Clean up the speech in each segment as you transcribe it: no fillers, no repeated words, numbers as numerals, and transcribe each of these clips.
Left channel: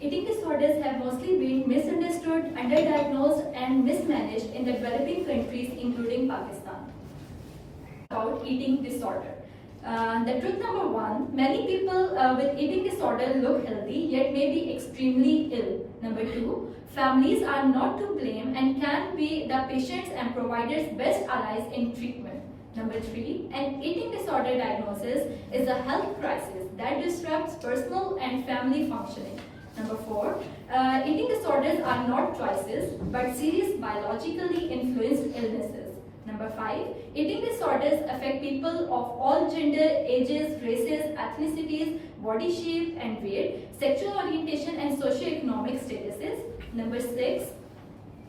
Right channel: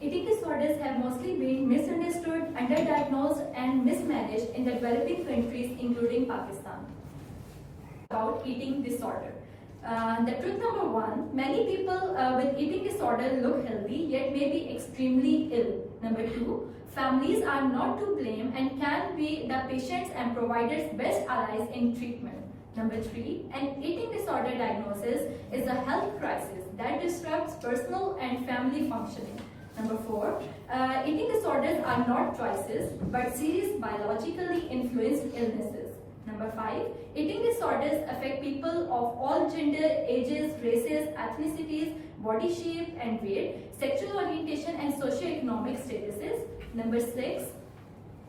Eating disorders have mostly been misunderstood, underdiagnosed, and mismanaged in the developing countries, including Pakistan. About eating disorder. The truth number one, many people with eating disorder look healthy yet may be extremely ill. Number two, families are not to blame and can be the patients and providers' best allies in treatment. Number three, an eating disorder diagnosis is a health crisis that disrupts personal and family functioning. Number four, eating disorders are not choices but serious biologically influenced illnesses. Number five, eating disorders affect people of all gender, ages, races, ethnicities, body shape and weight, sexual orientation and socioeconomic statuses. Number six,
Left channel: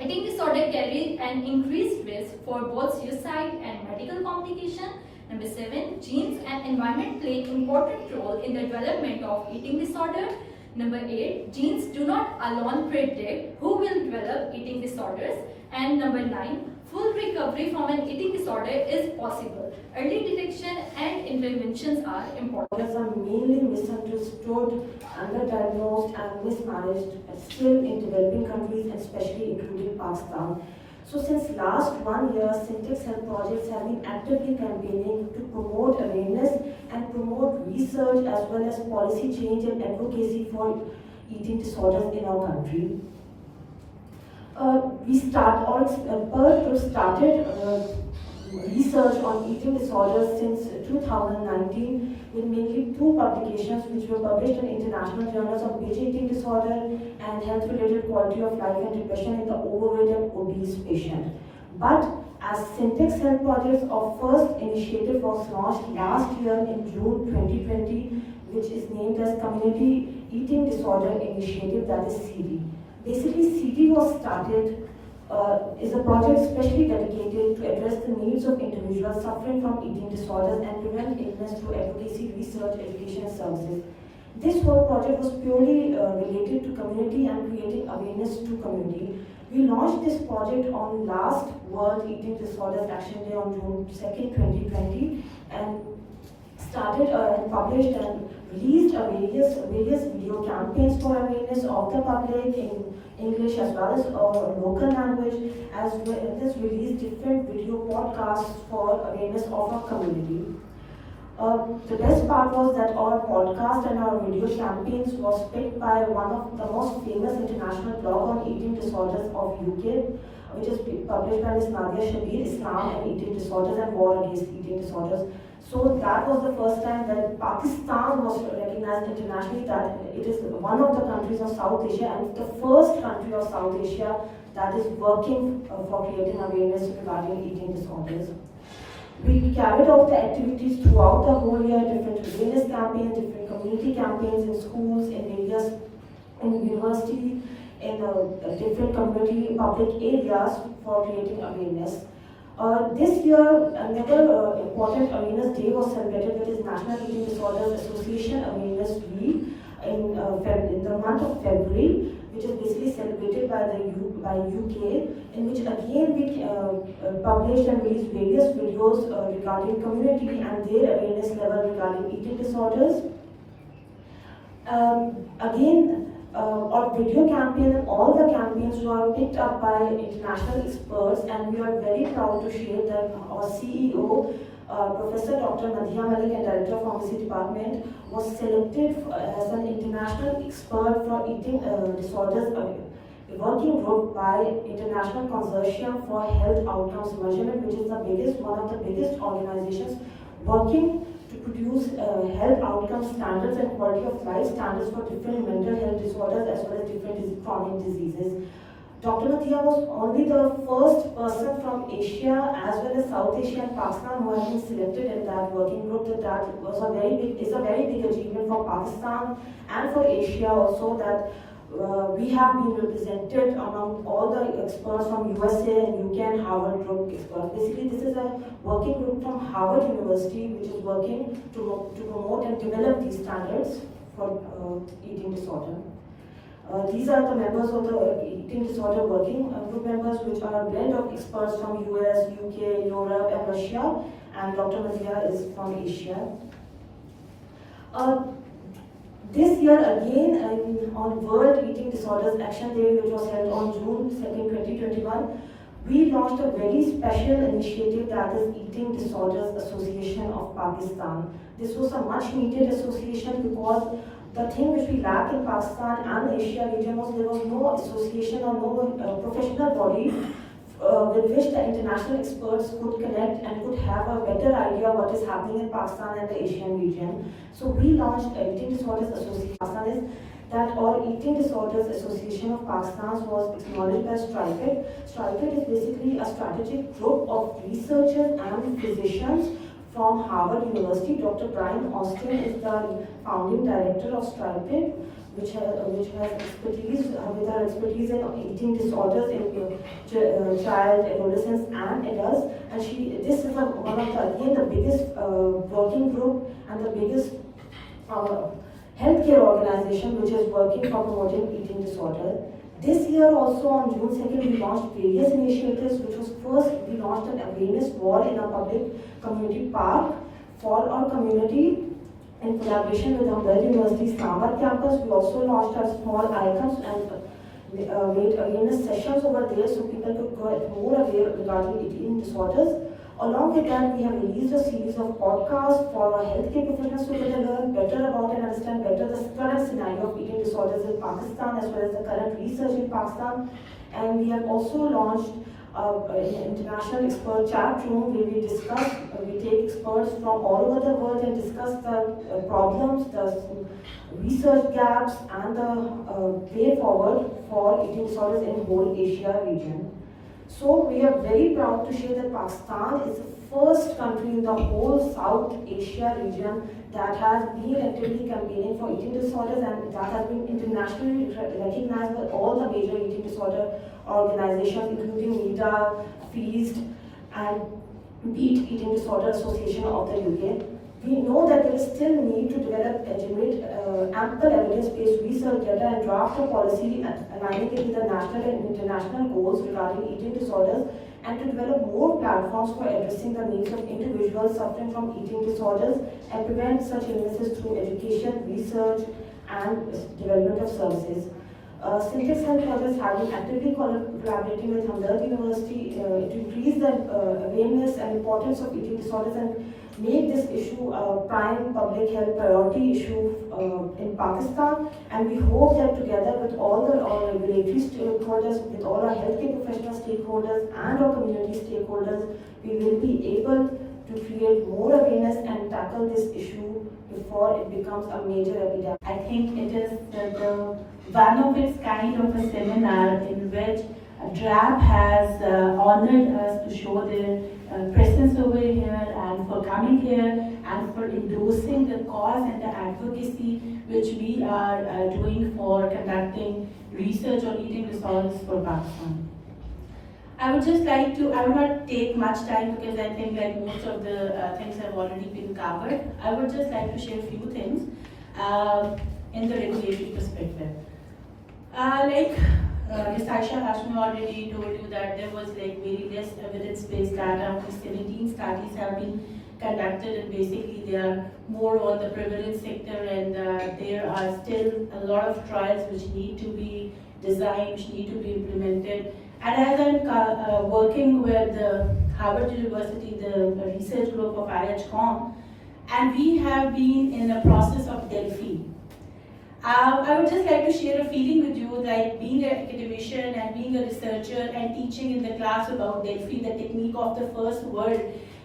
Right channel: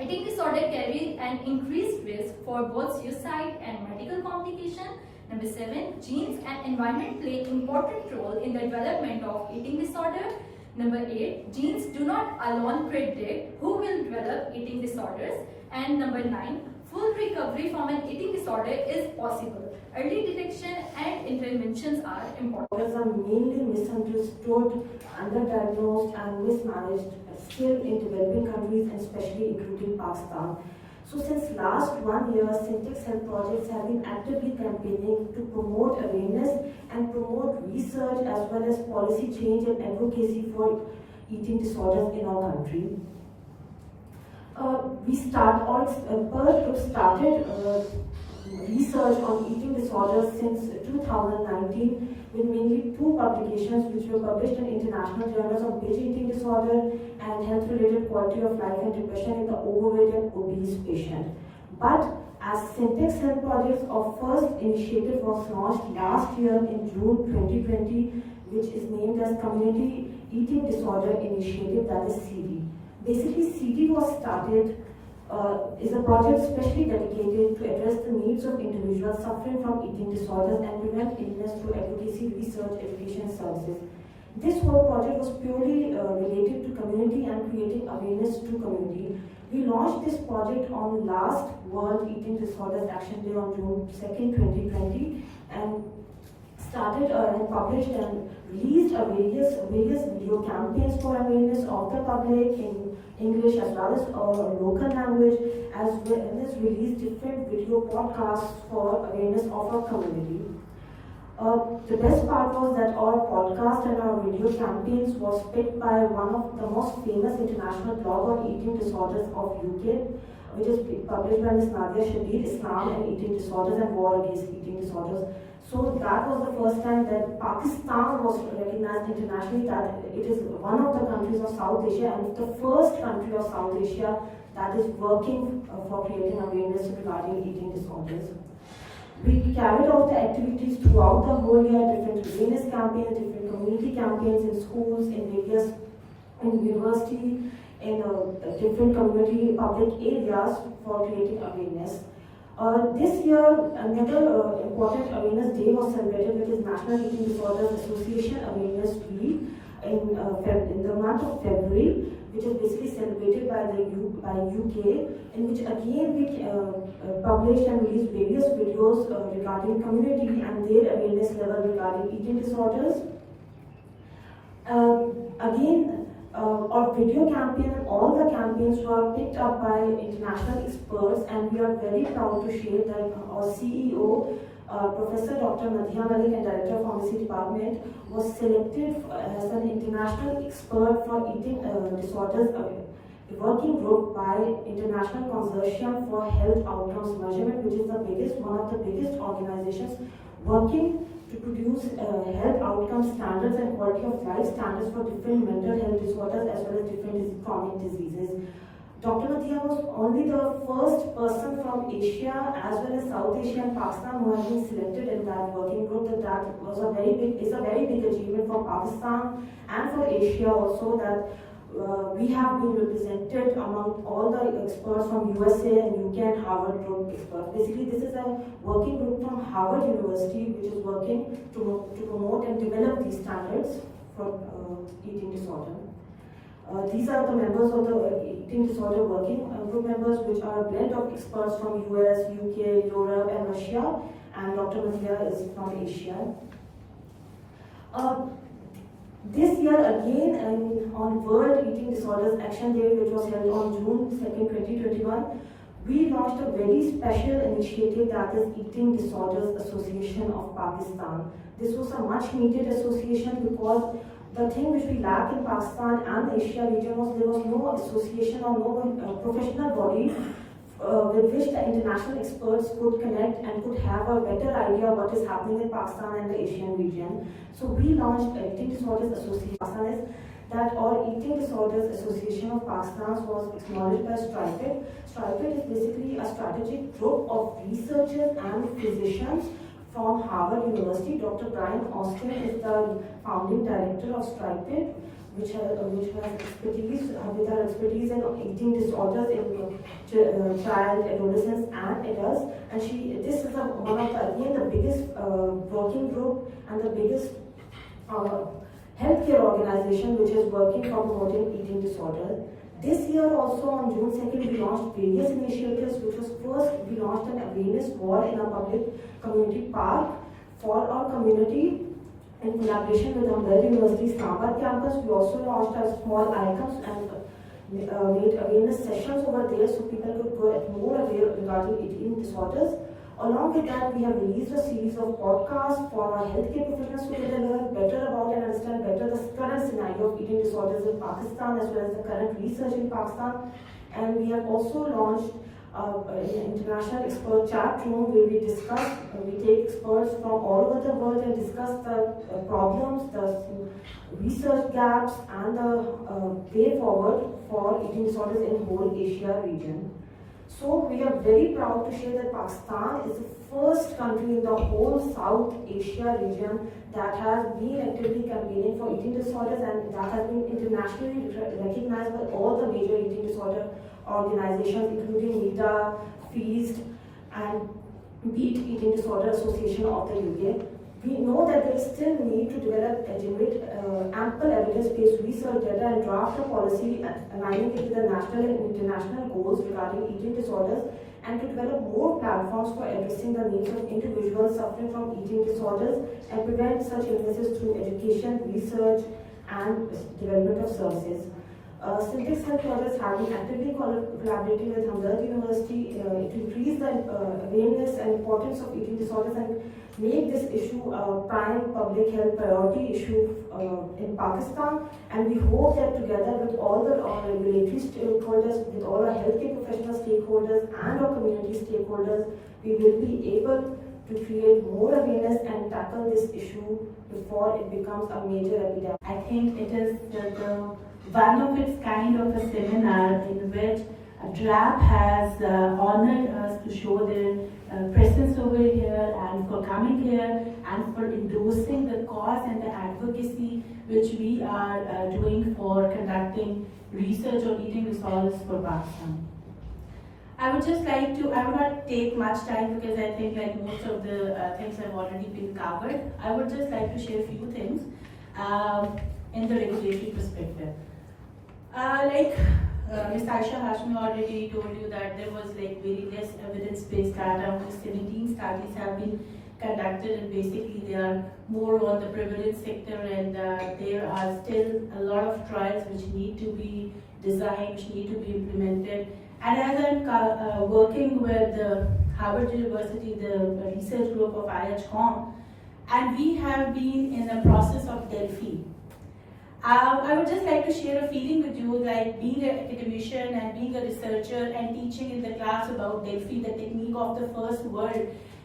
eating disorder carries an increased risk for both suicide and medical complication. Number seven, genes and environment play an important role in the development of eating disorder. Number eight, genes do not alone predict who will develop eating disorders. And number nine, full recovery from an eating disorder is possible. Early detection and interventions are important. Disorders are mainly misunderstood, underdiagnosed and mismanaged still in developing countries and especially including Pakistan. So since last 1 year, Syntex Health projects have been actively campaigning to promote awareness and promote research as well as policy change and advocacy for eating disorders in our country. Pearl started research on eating disorders since 2019 with mainly 2 publications which were published in international journals on PH eating disorder and health-related quality of life and depression in the overweight and obese patient. But as Syntex Health Projects, our first initiative was launched last year in June 2020, which is named as Community Eating Disorder Initiative, that is CD. Basically, CD was started is a project specially dedicated to address the needs of individuals suffering from eating disorders and prevent illness through advocacy, research, education, and services. This whole project was purely related to community and creating awareness to community. We launched this project on last World Eating Disorders Action Day on June 2nd, 2020, and started and published and released various video campaigns for awareness of the public in English as well as local language, as well as released different video podcasts for awareness of our community. The best part was that our podcast and our video campaigns was picked by one of the most famous international blog on eating disorders of UK, which is published by Ms. Nadia Shabir, Islam and Eating Disorders and War Against Eating Disorders. So that was the first time that Pakistan was recognized internationally that it is one of the countries of South Asia and the first country of South Asia that is working for creating awareness regarding eating disorders. We carried out the activities throughout the whole year, different awareness campaigns, different community campaigns in schools, in various, in university, in different community public areas for creating awareness. This year, another important awareness day was celebrated, which is National Eating Disorders Association Awareness Week in the month of February, which is basically celebrated by UK, in which again we published and released various videos regarding community and their awareness level regarding eating disorders. Our video campaign and all the campaigns were picked up by international experts, and we are very proud to share that our CEO, Professor Dr. Madhya Malik and Director of Pharmacy Department, was selected as an international expert for eating disorders, a working group by International Consortium for Health Outcomes Measurement, which is one of the biggest organizations working to produce health outcome standards and quality of life standards for different mental health disorders as well as different chronic diseases. Dr. Nadia was only the first person from Asia as well as South Asia and Pakistan who has been selected in that working group. That was a very big achievement for Pakistan and for Asia also, that we have been represented among all the experts from USA and UK and Harvard group experts. Basically, this is a working group from Harvard University which is working to promote and develop these standards for eating disorder. These are the members of the eating disorder working group members, which are a blend of experts from US, UK, Europe and Russia, and Dr. Nadia is from Asia. This year again, on World Eating Disorders Action Day, which was held on June 2nd, 2021, we launched a very special initiative, that is Eating Disorders Association of Pakistan. This was a much needed association because the thing which we lack in Pakistan and Asia region was there was no association or no professional body with which the international experts could connect and could have a better idea what is happening in Pakistan and the Asian region. So we launched Eating Disorders Association. Pakistan is that our Eating Disorders Association of Pakistan was acknowledged by STRIPED. STRIPED is basically a strategic group of researchers and physicians from Harvard University. Dr. Brian Austin is the founding director of STRIPED, which has expertise with our expertise in eating disorders in child, adolescents, and adults. And this is one of the biggest working group and the biggest healthcare organization which is working for promoting eating disorders. This year also on June 2nd we launched various initiatives, which was first we launched an awareness wall in a public community park for our community in collaboration with Hamdard University Islamabad campus. We also launched our small icons and made awareness sessions over there so people could get more aware regarding eating disorders. Along with that, we have released a series of podcasts for our healthcare professionals so that they learn better about and understand better the current scenario of eating disorders in Pakistan as well as the current research in Pakistan. And we have also launched an international expert chat room where we take experts from all over the world and discuss the problems, the research gaps, and the way forward for eating disorders in whole Asia region. So we are very proud to share that Pakistan is the first country in the whole South Asia region that has been actively campaigning for eating disorders, and that has been internationally recognized by all the major eating disorder organizations, including NIDA, FEAST, and Beat Eating Disorder Association of the UK. We know that there is still need to develop and generate ample evidence-based research data and draft a policy aligning it with the national and international goals regarding eating disorders, and to develop more platforms for addressing the needs of individuals suffering from eating disorders and prevent such illnesses through education, research, and development of services. Syntex Health Projects have been actively collaborating with Hamdard University to increase the awareness and importance of eating disorders and make this issue a prime public health priority issue in Pakistan. And we hope that together with all the regulatory stakeholders, with all our healthcare professional stakeholders and our community stakeholders, we will be able to create more awareness and tackle this issue before it becomes a major epidemic. I think it is the one of its kind of a seminar in which DRAP has honored us to show their presence over here and for coming here and for endorsing the cause and the advocacy which we are doing for conducting research on eating disorders for Pakistan. I would just like to, I will not take much time because I think like most of the things have already been covered. I would just like to share a few things in the regulatory perspective. Ms. Aisha Hashmi already told you that there was like very less evidence-based data. Only 17 studies have been conducted, and basically they are more on the prevalence sector, and there are still a lot of trials which need to be designed, which need to be implemented. And as I'm working with Harvard University, the research group of IHCOM, and we have been in the process of Delphi. I would just like to share a feeling with you, like being an academician and being a researcher and teaching in the class about Delphi, the technique of the first world,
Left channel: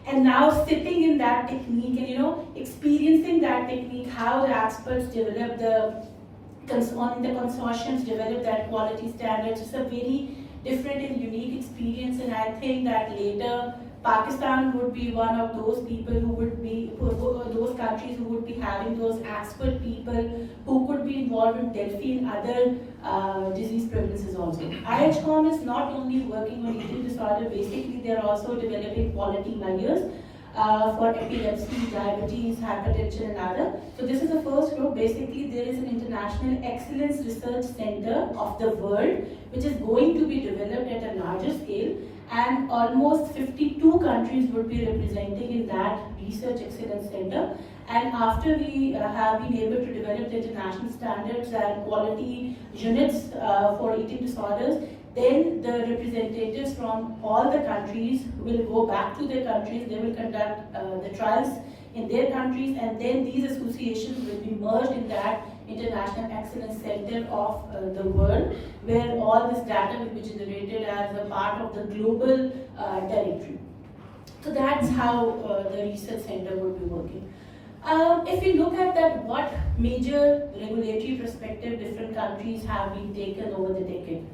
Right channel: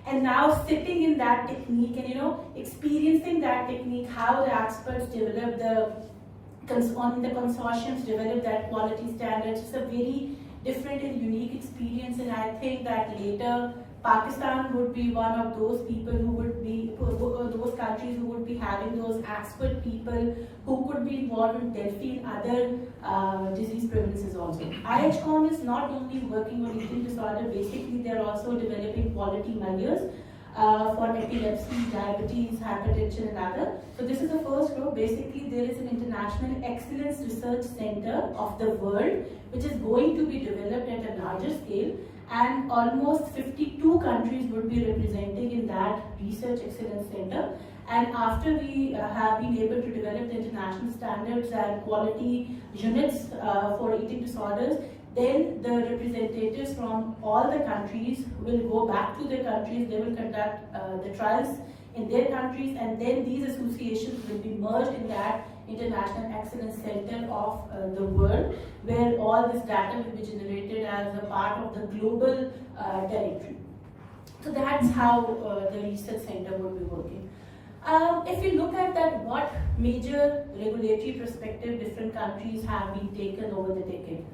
and now sitting in that technique and experiencing that technique, how the experts develop the consortiums develop that quality standards. It's a very different and unique experience, and I think that later Pakistan would be one of those people who would be, those countries who would be having those expert people who could be involved in Delphi and other disease prevalences also. IHCOM is not only working on eating disorder, basically they are also developing quality measures for epilepsy, diabetes, hypertension and other. So this is the first group. Basically there is an International Excellence Research Center of the world which is going to be developed at a larger scale, and almost 52 countries would be representing in that research excellence center. And after we have been able to develop the international standards and quality units for eating disorders, then the representatives from all the countries will go back to their countries, they will conduct the trials in their countries, and then these associations will be merged in that International Excellence Center of the world, where all this data will be generated as a part of the global directory. So that's how the research center would be working. If we look at that, what major regulatory perspective different countries have been taken over the decade.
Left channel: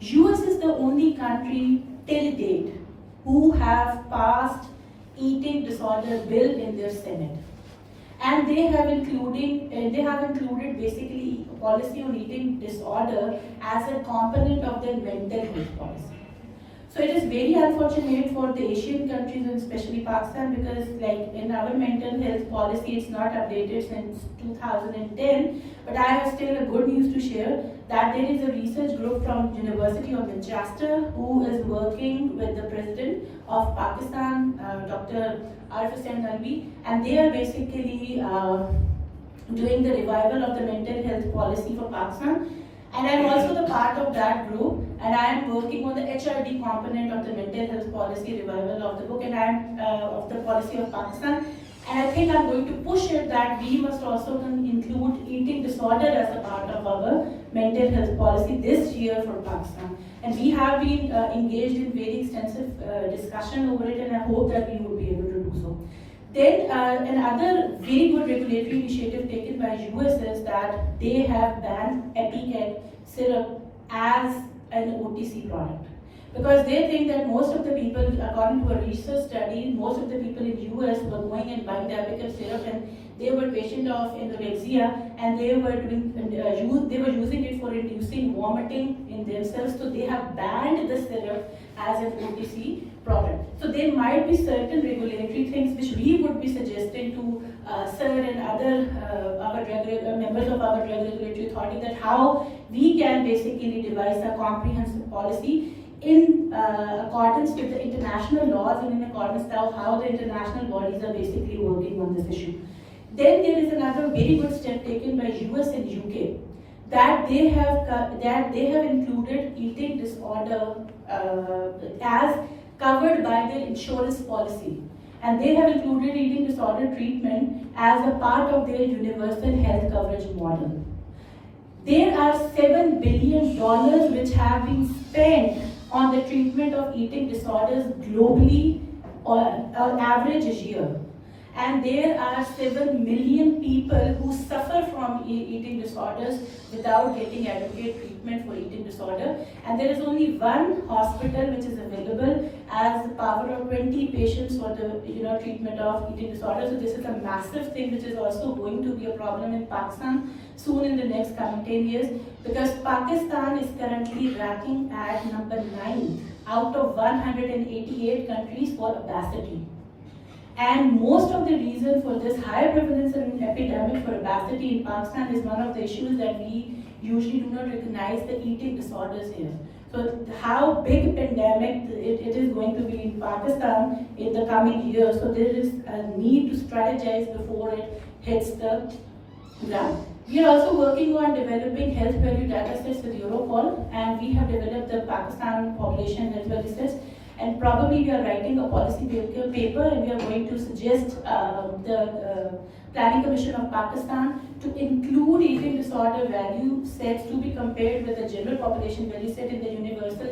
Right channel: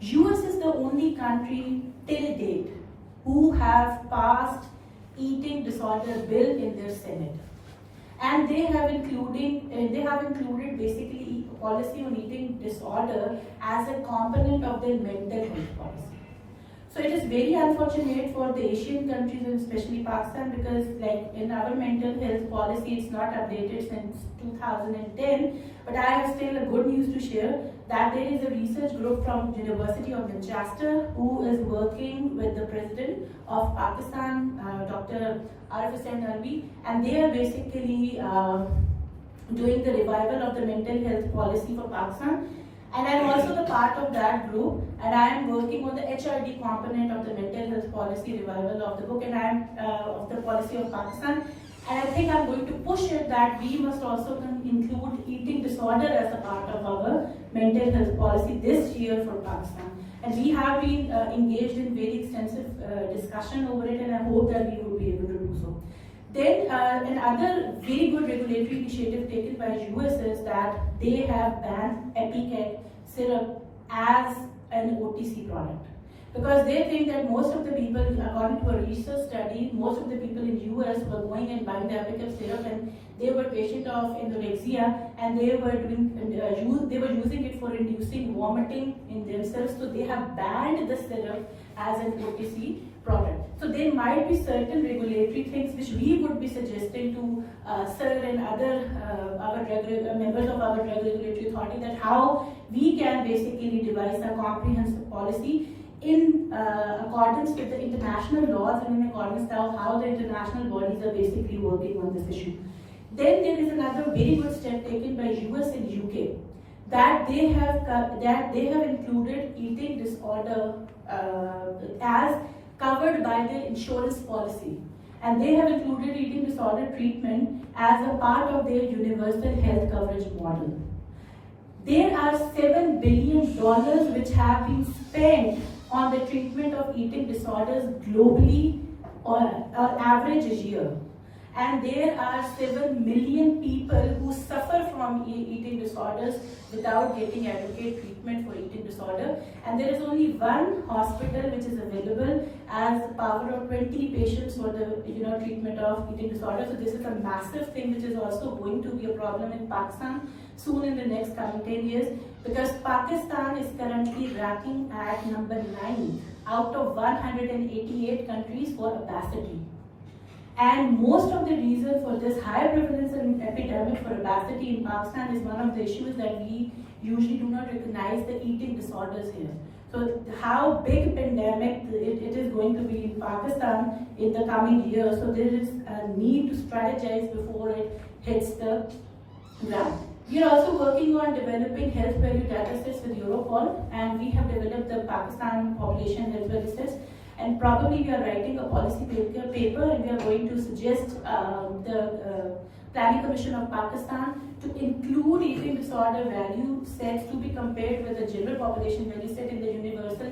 US is the only country till date who have passed eating disorder bill in their Senate. And they have included basically policy on eating disorder as a component of their mental health policy. So it is very unfortunate for the Asian countries and especially Pakistan, because like in our mental health policy, it's not updated since 2010. But I have still a good news to share that there is a research group from University of Manchester who is working with the President of Pakistan, Dr. Arif Hussain Naqvi, and they are basically doing the revival of the mental health policy for Pakistan. And I'm also the part of that group, and I'm working on the HRD component of the mental health policy revival of the book, and I'm of the policy of Pakistan. And I think I'm going to push it that we must also include eating disorder as a part of our mental health policy this year for Pakistan. And we have been engaged in very extensive discussion over it, and I hope that we will be able to do so. Then another very good regulatory initiative taken by US is that they have banned Epicat syrup as an OTC product. Because they think that most of the people, according to a research study, most of the people in US were going and buying the Epicat syrup, and they were patient of anorexia, and they were using it for inducing vomiting in themselves. So they have banned the syrup as an OTC product. So there might be certain regulatory things which we would be suggesting to Sir and other members of our drug regulatory authority, that how we can basically devise a comprehensive policy in accordance with the international laws and in accordance with how the international bodies are basically working on this issue. Then there is another very good step taken by US and UK, that they have included eating disorder as covered by their insurance policy, and they have included eating disorder treatment as a part of their universal health coverage model. There are $7 billion which have been spent on the treatment of eating disorders globally on average a year. And there are 7 million people who suffer from eating disorders without getting adequate treatment for eating disorder. And there is only one hospital which is available as the power of 20 patients for the treatment of eating disorder. So this is a massive thing which is also going to be a problem in Pakistan soon in the next coming 10 years, because Pakistan is currently ranking at number 9 out of 188 countries for obesity. And most of the reason for this high prevalence and epidemic for obesity in Pakistan is one of the issues that we usually do not recognize, the eating disorders here. So how big pandemic it is going to be in Pakistan in the coming years. So there is a need to strategize before it hits the ground. We are also working on developing health value data sets with Europol, and we have developed the Pakistan population health value sets. And probably we are writing a policy paper, and we are going to suggest the Planning Commission of Pakistan to include eating disorder value sets to be compared with the general population value set in the universal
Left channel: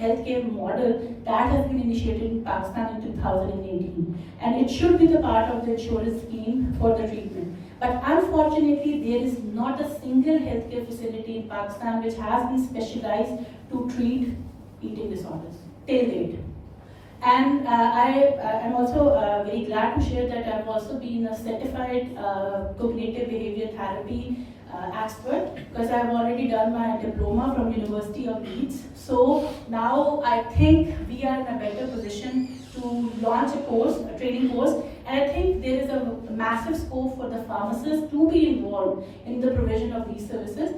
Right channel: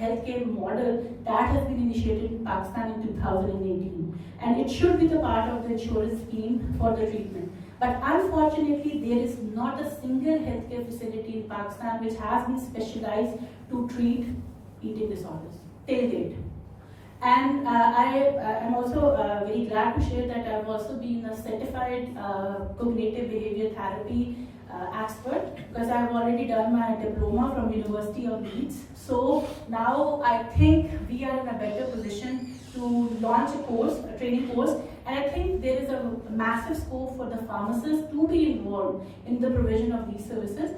healthcare model that has been initiated in Pakistan in 2018. And it should be the part of the insurance scheme for the treatment. But unfortunately, there is not a single healthcare facility in Pakistan which has been specialized to treat eating disorders till date. And I am also very glad to share that I've also been a certified cognitive behavior therapy expert, because I've already done my diploma from University of Leeds. So now I think we are in a better position to launch a training course, and I think there is a massive scope for the pharmacists to be involved in the provision of these services.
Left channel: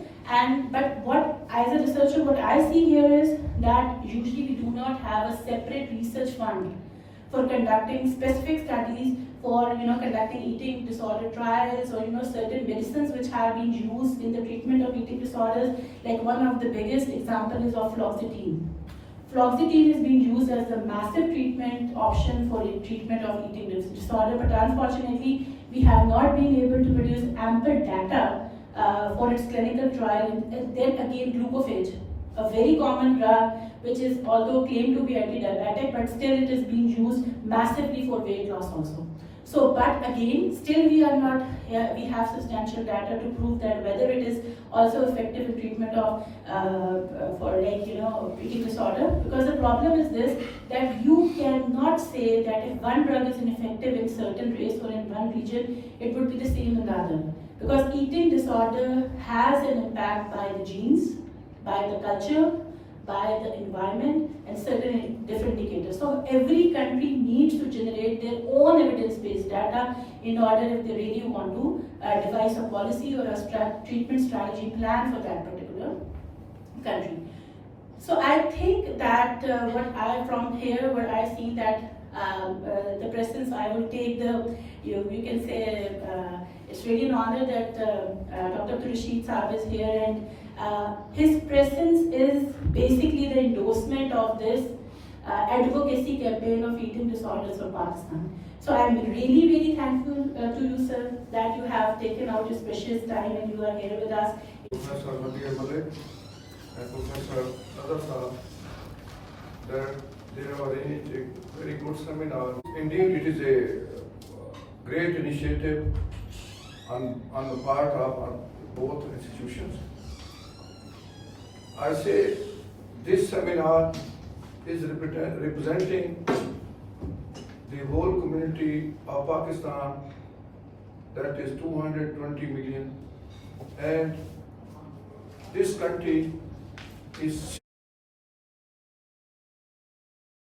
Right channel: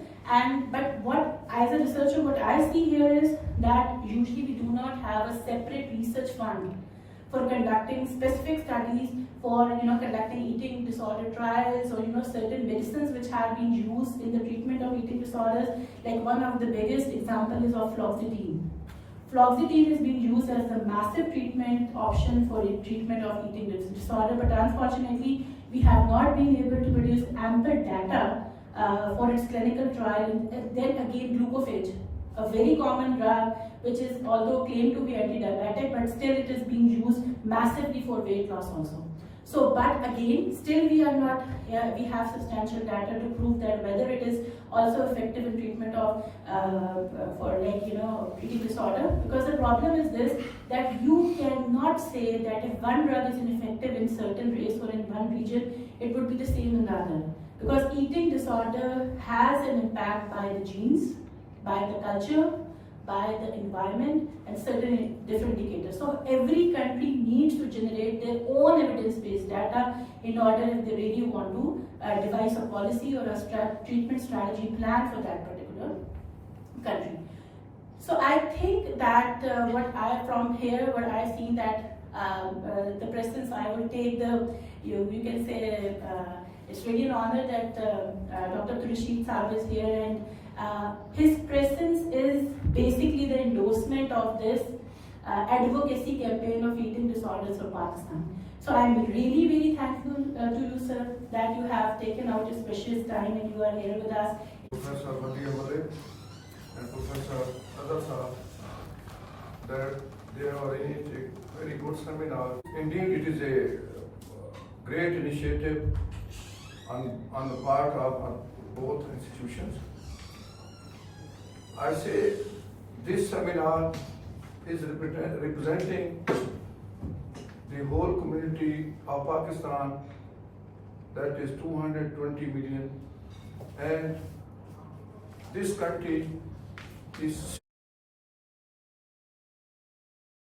But as a researcher, what I see here is that usually we do not have a separate research fund for conducting specific studies for conducting eating disorder trials, or certain medicines which have been used in the treatment of eating disorders. Like one of the biggest example is of fluoxetine. Fluoxetine is being used as a massive treatment option for the treatment of eating disorder, but unfortunately we have not been able to produce ample data for its clinical trial. And then again, glucophage, a very common drug which is although claimed to be anti-diabetic, but still it is being used massively for weight loss also. So, but again, still we are not, we have substantial data to prove that whether it is also effective in treatment of, for eating disorder. Because the problem is this, that you cannot say that if one drug is ineffective in certain race or in one region, it would be the same in the other. Because eating disorder has an impact by the genes, by the culture, by the environment, and certain different indicators. So every country needs to generate their own evidence-based data in order, if they really want to devise a policy or a treatment strategy plan for that particular country. So I think that what I've seen that the presence, I will take you can say, it's really an honor that Dr. Rashid Saab is here, and his presence is basically the endorsement of this advocacy campaign of eating disorders for Pakistan. So I'm really very thankful to you, sir, that you have taken out your precious time and you are here with us. Professor Rabiya Malik and Professor Azhar Saab, that they have arranged a very good seminar. Indeed, it is a great initiative on the part of both institutions. I say this seminar is representing the whole community of Pakistan, that is 220 million, and this country is